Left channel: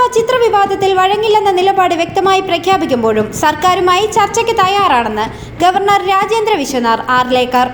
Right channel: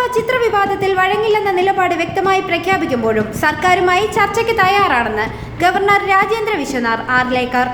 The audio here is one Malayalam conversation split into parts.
മാർത്താണ്ഡ ചിത്ര വിവാദത്തിൽ വഴങ്ങില്ലെന്ന നിലപാട് വ്യക്തമായി പ്രഖ്യാപിക്കുമ്പോഴും സർക്കാരുമായി ചർച്ചയ്ക്ക് തയ്യാറാണെന്ന് ഗവർണർ രാജേന്ദ്ര വിശ്വനാഥ് ആർലേക്കർ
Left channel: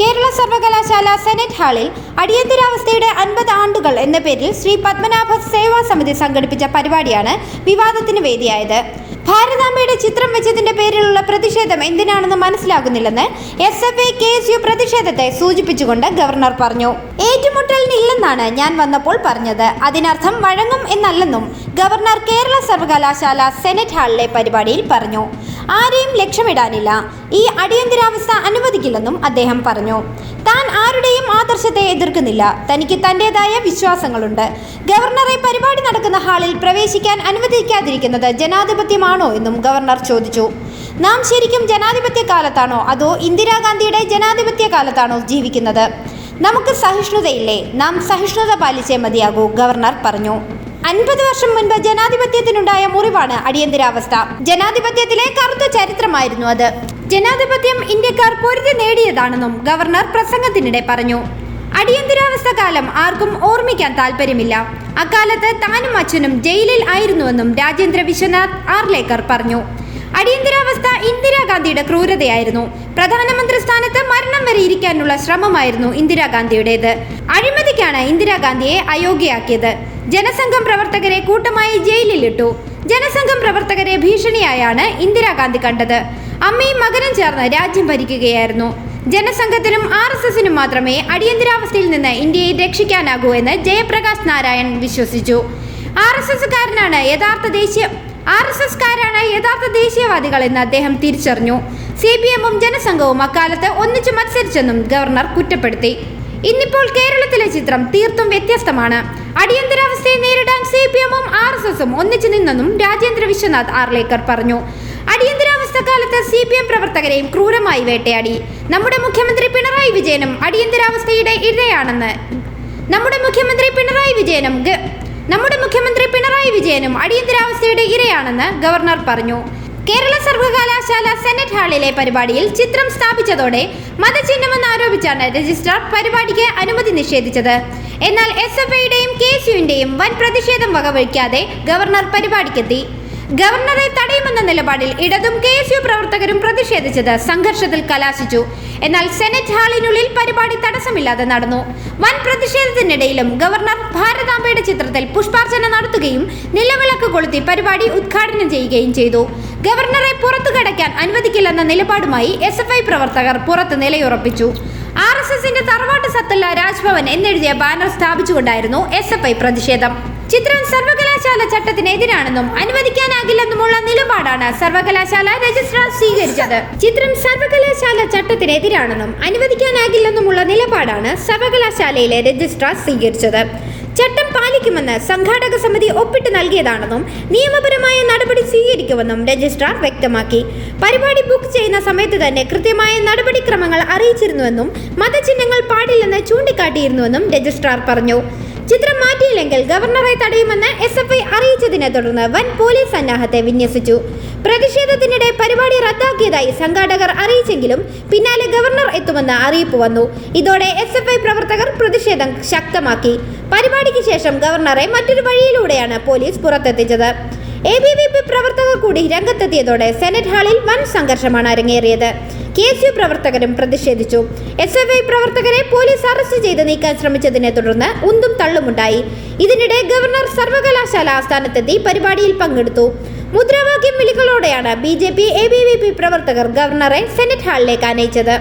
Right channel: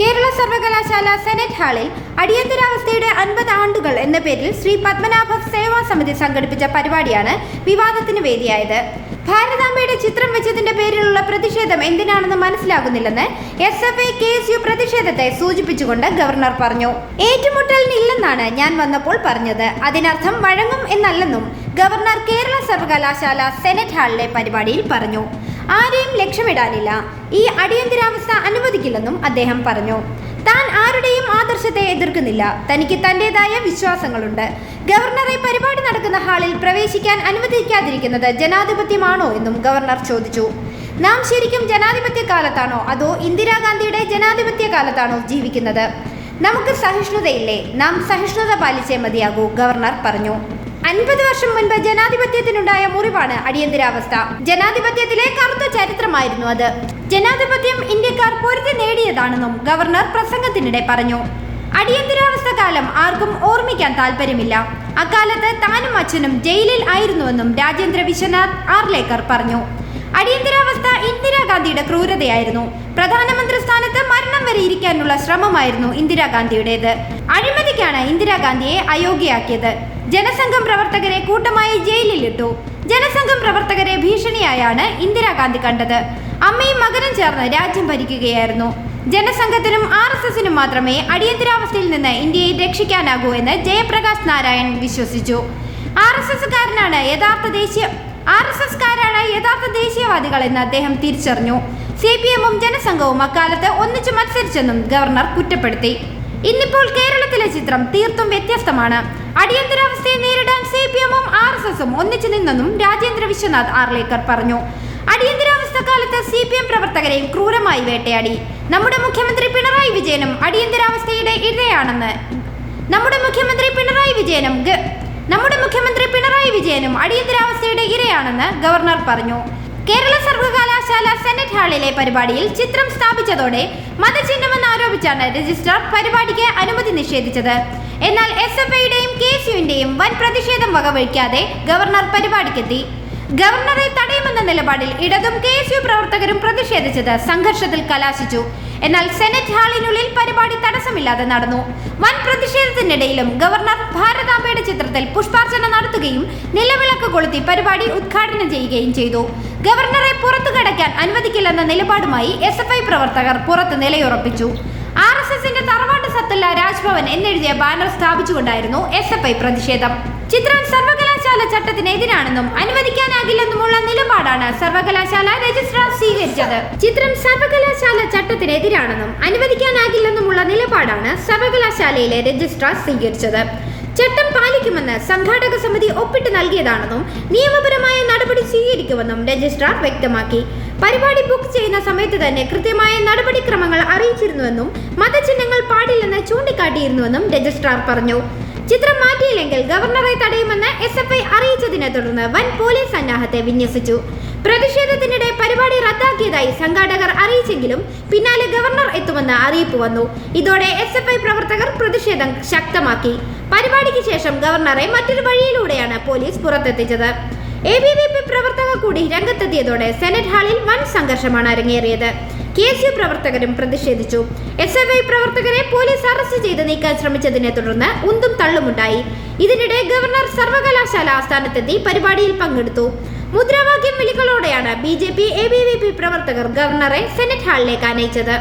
കേരള സർവകലാശാല സെനറ്റ് ഹാളിൽ അടിയന്തരാവസ്ഥയുടെ അൻപത് ആണ്ടുകൾ എന്ന പേരിൽ ശ്രീ പത്മനാഭ സേവാ സമിതി സംഘടിപ്പിച്ച പരിപാടിയാണ് വിവാദത്തിന് വേദിയായത്. ഭാരതാംബയുടെ ചിത്രം വെച്ചതിന്റെ പേരിലുള്ള പ്രതിഷേധം എന്തിനാണെന്ന് മനസ്സിലാകുന്നില്ലെന്ന് S F I K S U പ്രതിഷേധത്തെ സൂചിപ്പിച്ചുകൊണ്ട് ഗവർണർ പറഞ്ഞു. ഏറ്റുമുട്ടലിനില്ലെന്നാണ് ഞാൻ വന്നപ്പോൾ പറഞ്ഞത്. അതിനർത്ഥം വഴങ്ങും എന്നല്ലെന്നും ഗവർണർ കേരള സർവകലാശാല സെനറ്റ് ഹാളിലെ പരിപാടിയിൽ പറഞ്ഞു. ആരെയും ലക്ഷ്യമിടാനില്ല. ഈ അടിയന്തരാവസ്ഥ അനുവദിക്കില്ലെന്നും അദ്ദേഹം പറഞ്ഞു. താൻ ആരുടെയും ആദർശത്തെ എതിർക്കുന്നില്ല. തനിക്ക് തന്റേതായ വിശ്വാസങ്ങളുണ്ട്. ഗവർണറെ പരിപാടി നടക്കുന്ന ഹാളിൽ പ്രവേശിക്കാൻ അനുവദിക്കാതിരിക്കുന്നത് ജനാധിപത്യമാണോ എന്നും ഗവർണർ ചോദിച്ചു. നാം ശരിക്കും ജനാധിപത്യ കാലത്താണോ അതോ ഇന്ദിരാഗാന്ധിയുടെ ജനാധിപത്യ കാലത്താണോ ജീവിക്കുന്നത്? നമുക്ക് സഹിഷ്ണുതയില്ലേ? നാം സഹിഷ്ണുത പാലിച്ചേ മതിയാകൂ ഗവർണർ പറഞ്ഞു. അൻപത് വർഷം മുൻപ് ജനാധിപത്യത്തിനുണ്ടായ മുറിവാണ് അടിയന്തരാവസ്ഥ. ജനാധിപത്യത്തിലെ കറുത്ത ചരിത്രമായിരുന്നു അത്. ജനാധിപത്യം ഇന്ത്യക്കാർ പൊരുതി നേടിയതാണെന്നും ഗവർണർ പ്രസംഗത്തിനിടെ പറഞ്ഞു. അടിയന്തരാവസ്ഥ കാലം ആർക്കും ഓർമ്മിക്കാൻ താല്പര്യമില്ല അക്കാലത്ത് താനും അച്ഛനും ജയിലിൽ ആയിരുന്നുവെന്നും രാജേന്ദ്ര വിശ്വനാഥ് ആർലേക്കർ പറഞ്ഞു. അടിയന്തരാവസ്ഥ ഇന്ദിരാഗാന്ധിയുടെ ക്രൂരതയായിരുന്നു. പ്രധാനമന്ത്രി സ്ഥാനത്ത് മരണം വരെ ഇരിക്കാനുള്ള ശ്രമമായിരുന്നു ഇന്ദിരാഗാന്ധിയുടേത്. അഴിമതിക്കാണ് ഇന്ദിരാഗാന്ധിയെ അയോഗ്യയാക്കിയത്. ജനസംഘം പ്രവർത്തകരെ കൂട്ടമായി ജയിലിലിട്ടു. ജനസംഘം പ്രവർത്തകരെ ഭീഷണിയായാണ് ഇന്ദിരാഗാന്ധി കണ്ടത്. അമ്മയും മകനും ചേർന്ന് രാജ്യം ഭരിക്കുകയായിരുന്നു. ജനസംഘത്തിനും ആർ എസ് എസിനും മാത്രമേ അടിയന്തരാവസ്ഥയിൽ നിന്ന് ഇന്ത്യയെ രക്ഷിക്കാനാകൂ എന്ന് ജയപ്രകാശ് നാരായൺ വിശ്വസിച്ചു. ആർ എസ് എസ്സുകാരനാണ് യഥാർത്ഥ ദേശീയ ആർ എസ് എസ്കാരാണ് യഥാർത്ഥ ദേശീയവാദികൾ എന്ന് അദ്ദേഹം തിരിച്ചറിഞ്ഞു. സി പി എമ്മും ജനസംഘവും അക്കാലത്ത് ഒന്നിച്ച് മത്സരിച്ചെന്നും ഗവർണർ കുറ്റപ്പെടുത്തി. ഇന്നിപ്പോൾ കേരളത്തിലെ ചിത്രം തീർത്തും വ്യത്യസ്തമാണ്. അടിയന്തരാവസ്ഥയെ നേരിടാൻ സി പി എമ്മും ആർ എസ് എസും ഒന്നിച്ചു നിന്നെന്നും രാജേന്ദ്ര വിശ്വനാഥ് ആർലേക്കർ പറഞ്ഞു. അടിയന്തരാവസ്ഥ കാലത്ത് സി പി എം പ്രവർത്തകരെയും ക്രൂരമായി വേട്ടയാടി. നമ്മുടെ മുഖ്യമന്ത്രി പിണറായി വിജയനും അടിയന്തരാവസ്ഥയുടെ ഇരയാണെന്ന്. നമ്മുടെ മുഖ്യമന്ത്രി പിണറായി വിജയനും നമ്മുടെ മുഖ്യമന്ത്രി പിണറായി വിജയനും അടിയന്തരാവസ്ഥയുടെ ഇരയാണെന്ന് ഗവർണർ പറഞ്ഞു. കേരള സർവകലാശാല സെനറ്റ് ഹാളിലെ പരിപാടിയിൽ ചിത്രം സ്ഥാപിച്ചതോടെ മതചിഹ്നമെന്ന് ആരോപിച്ചാണ് രജിസ്ട്രാർ പരിപാടിക്ക് അനുമതി നിഷേധിച്ചത്. എന്നാൽ എസ് എഫ് ഐയുടെയും കെ യുവിന്റെയും വൻ പ്രതിഷേധം വകവയ്ക്കാതെ ഗവർണർ പരിപാടിക്കെത്തി. ഗവർണറെ തടയുമെന്ന നിലപാടിൽ ഇടതും കെ എസ് യു പ്രവർത്തകരും പ്രതിഷേധിച്ചത് സംഘർഷത്തിൽ കലാശിച്ചു. എന്നാൽ സെനറ്റ് ഹാളിനുള്ളിൽ പരിപാടി തടസ്സമില്ലാതെ നടന്നു. വൻ പ്രതിഷേധത്തിനിടയിലും ഗവർണർ ഭാരതാംബയുടെ ചിത്രത്തിൽ പുഷ്പാർച്ചന നടത്തുകയും നിലവിളക്ക് കൊളുത്തി പരിപാടി ഉദ്ഘാടനം ചെയ്യുകയും ചെയ്തു. ഗവർണറെ പുറത്തു കടക്കാൻ അനുവദിക്കില്ലെന്ന നിലപാടുമായി എസ് പ്രവർത്തകർ പുറത്ത് നിലയുറപ്പിച്ചു. എസിന്റെ തറവാട്ട് സത്തല്ല രാജ്ഭവൻ എന്നെഴുതിയ ബാനർ സ്ഥാപിച്ചുകൊണ്ടായിരുന്നു എസ് എഫ് ഐ പ്രതിഷേധം. ചിത്രം സർവകലാശാല ചട്ടത്തിനെതിരാണെന്നും അനുവദിക്കാനാകില്ലെന്നുമുള്ള നിലപാടാണ് സർവകലാശാല രജിസ്ട്രാർ സ്വീകരിച്ചത്. ചിത്രം സർവകലാശാല ചട്ടത്തിനെതിരാണെന്നും അനുവദിക്കാനാകില്ലെന്നുമുള്ള നിലപാടാണ് സർവകലാശാലയിലെ രജിസ്ട്രാർ സ്വീകരിച്ചത്. ചട്ടം പാലിക്കുമെന്ന് സംഘാടക സമിതി ഒപ്പിട്ട് നൽകിയതാണെന്നും നിയമപരമായ നടപടി സ്വീകരിക്കുമെന്നും രജിസ്ട്രാർ വ്യക്തമാക്കി. പരിപാടി ബുക്ക് ചെയ്യുന്ന സമയത്ത് തന്നെ കൃത്യമായ നടപടിക്രമങ്ങൾ അറിയിച്ചിരുന്നുവെന്നും മതചിഹ്നങ്ങൾ പാടില്ലെന്ന് ചൂണ്ടിക്കാട്ടിയിരുന്നുവെന്നും രജിസ്ട്രാർ പറഞ്ഞു. ചിത്രം മാറ്റിയില്ലെങ്കിൽ ഗവർണറെ തടയുമെന്ന് എസ് എഫ് ഐ അറിയിച്ചതിനെ തുടർന്ന് വൻ പോലീസ് സന്നാഹത്തെ വിന്യസിച്ചു. പ്രതിഷേധത്തിനിടെ പരിപാടി റദ്ദാക്കിയതായി സംഘാടകർ അറിയിച്ചെങ്കിലും പിന്നാലെ ഗവർണർ എത്തുമെന്ന് അറിയിപ്പ് വന്നു. ഇതോടെ എസ് എഫ് ഐ പ്രവർത്തകർ പ്രതിഷേധം ശക്തമാക്കി. പരിപാടിക്ക് ശേഷം ഗവർണറെ മറ്റൊരു വഴിയിലൂടെയാണ് പോലീസ് പുറത്തെത്തിച്ചത്. എ ബി വി പി പ്രവർത്തകർ കൂടി രംഗത്തെത്തിയതോടെ സെനറ്റ് ഹാളിൽ വൻ സംഘർഷമാണ് അരങ്ങേറിയത്. കെ എസ് യു പ്രവർത്തകരും പ്രതിഷേധിച്ചു. എസ് എഫ് ഐ പ്രവർത്തകരെ പോലീസ് അറസ്റ്റ് ചെയ്ത് നീക്കാൻ ശ്രമിച്ചതിനെ തുടർന്ന് ഉന്തും തള്ളുമുണ്ടായി. ഇതിനിടെ ഗവർണർ സർവകലാശാല ആസ്ഥാനത്തെത്തി പരിപാടിയിൽ പങ്കെടുത്തു. മുദ്രാവാക്യം വിളികളോടെയാണ് B J P A B V P പ്രവർത്തകർ ഗവർണറെ സെനറ്റ് ഹാളിലേക്ക് ആനയിച്ചത്